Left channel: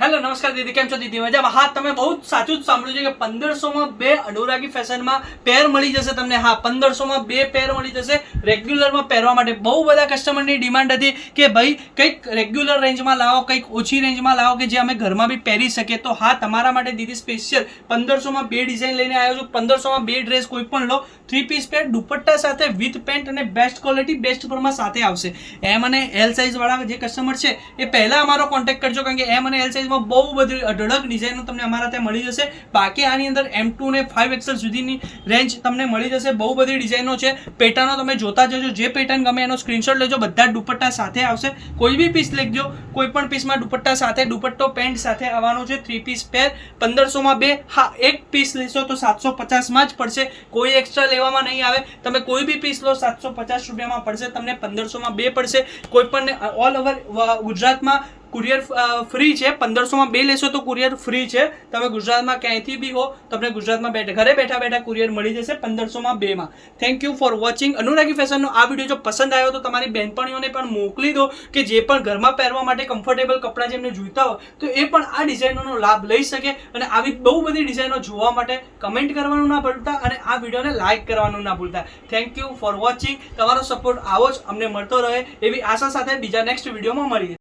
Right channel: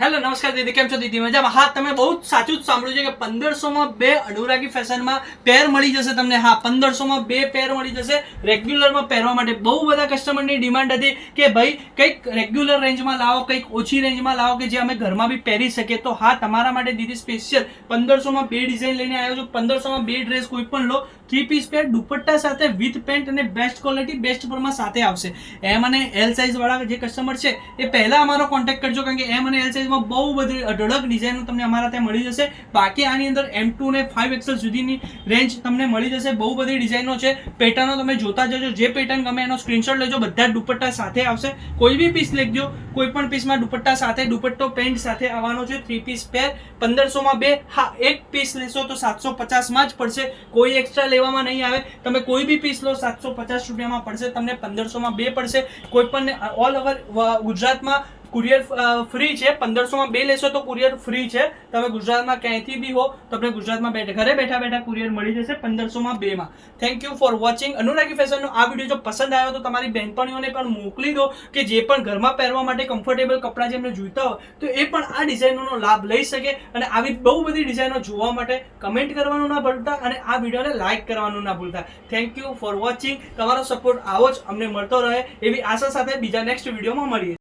Hello નમસ્કાર દીદી, કેમ છો દીદી? મજામાં? હા, તમે બહુ સાચું જ સાંભળ્યું છે કે 1500 માં 2 અનુરાગી ફેશનમાં પેર મળી જશે તમને. હા, 1500 માં 2 પેર મળી જશે રેગ્યુલરમાં પહેરવા માટે. બહુ બધા કસ્ટમરની ડિમાન્ડ હતી કે ભાઈ કંઈક રેગ્યુલર રેન્જમાં લાવો, કંઈક ઓછી રેન્જમાં લાવો કે જે અમે ઘરમાં બી પહેરી શકીએ. તો હા, તમારા માટે દીદી સ્પેશિયલ 1500 માં 2 ડિઝાઇન લઈને આવ્યો છું. 1500 માં 2 ડ્રેસ કોઈ પણ લો, 3 પીસ પેર દુપટ્ટા સાથે વિથ પેન્ટ અને બેસ્ટ ક્વોલિટી બેસ્ટ પ્રોમાં સાથે આવશે. એમ અને એલ સાઇઝ વાળા જે કસ્ટમર છે એ પહેલા અમારો કોન્ટેક્ટ કરજો, કારણ કે એમ અને એલ સાઇઝમાં બહુ બધી અઢળક ડિઝાઇનો તમને અમારા ત્યાં મળી જશે. બાકી આની અંદર M2 ને 5XL સુધીની રેન્જ તમને મળી જશે. બહુ બધી ડિઝાઇનો છે. પેટર્નો તમે જોતા જજો, જે પેટર્ન ગમે એનો સ્ક્રીનશોટ લેજો. બધા જ દુપટ્ટા સાથે આવશે. કોઈ બી પીસ લેજો, કોઈ પણ પીસમાં દુપટ્ટા સાથે, દુપટ્ટો પેન્ટ સાથે આવવાનો છે. 3 પીસ પેર 1500 માં 2. હા, એક પીસ લેશો તો 750 માં જ પડશે. કોઈ એક્સ્ટ્રા લેવામાં નહીં આવે. તમે કોઈ બી પીસ લો 750 રૂપિયામાં પડશે તમને. 1500 માં 2 પડશે. કોઈ પણ ઓલ ઓવર ગુજરાતમાં કુરિયર ફ્રી છે. 1500 માં 2 લેશો તો કુરિયર ફ્રી છે. તમે ગુજરાતમાં ક્યાંયથી બી હો, તમને ગુજરાતમાં ઘરે બેઠા બેઠા કુરિયર મળી જશે 1500 માં 2 માં. Thank you for watching. Anuragi ફેશનનો આ વિડીયો જો પસંદ આવ્યો તો તમારી બહેનપણીઓને પણ મોકલી દો, કે જે પણ ઘરમાં પહેરવા માટે કમ્ફર્ટેબલ કપડાં જેમને જોઈતા હોય તો એ પણ આ ડિઝાઇનોનો લાભ લઈ શકે. અને આવી બહુ બધી ડિઝાઇનો જોવા માટે કમેન્ટ કરવાનું ના ભૂલતા અને આ વિડીયોને લાઇક કરવાનું ના ભૂલતા. Thank you for watching. તમારો સપોર્ટ આવો જ અમને મળતો રહે એવી આશા સાથે બીજા નેક્સ્ટ વિડીયોમાં મળીએ.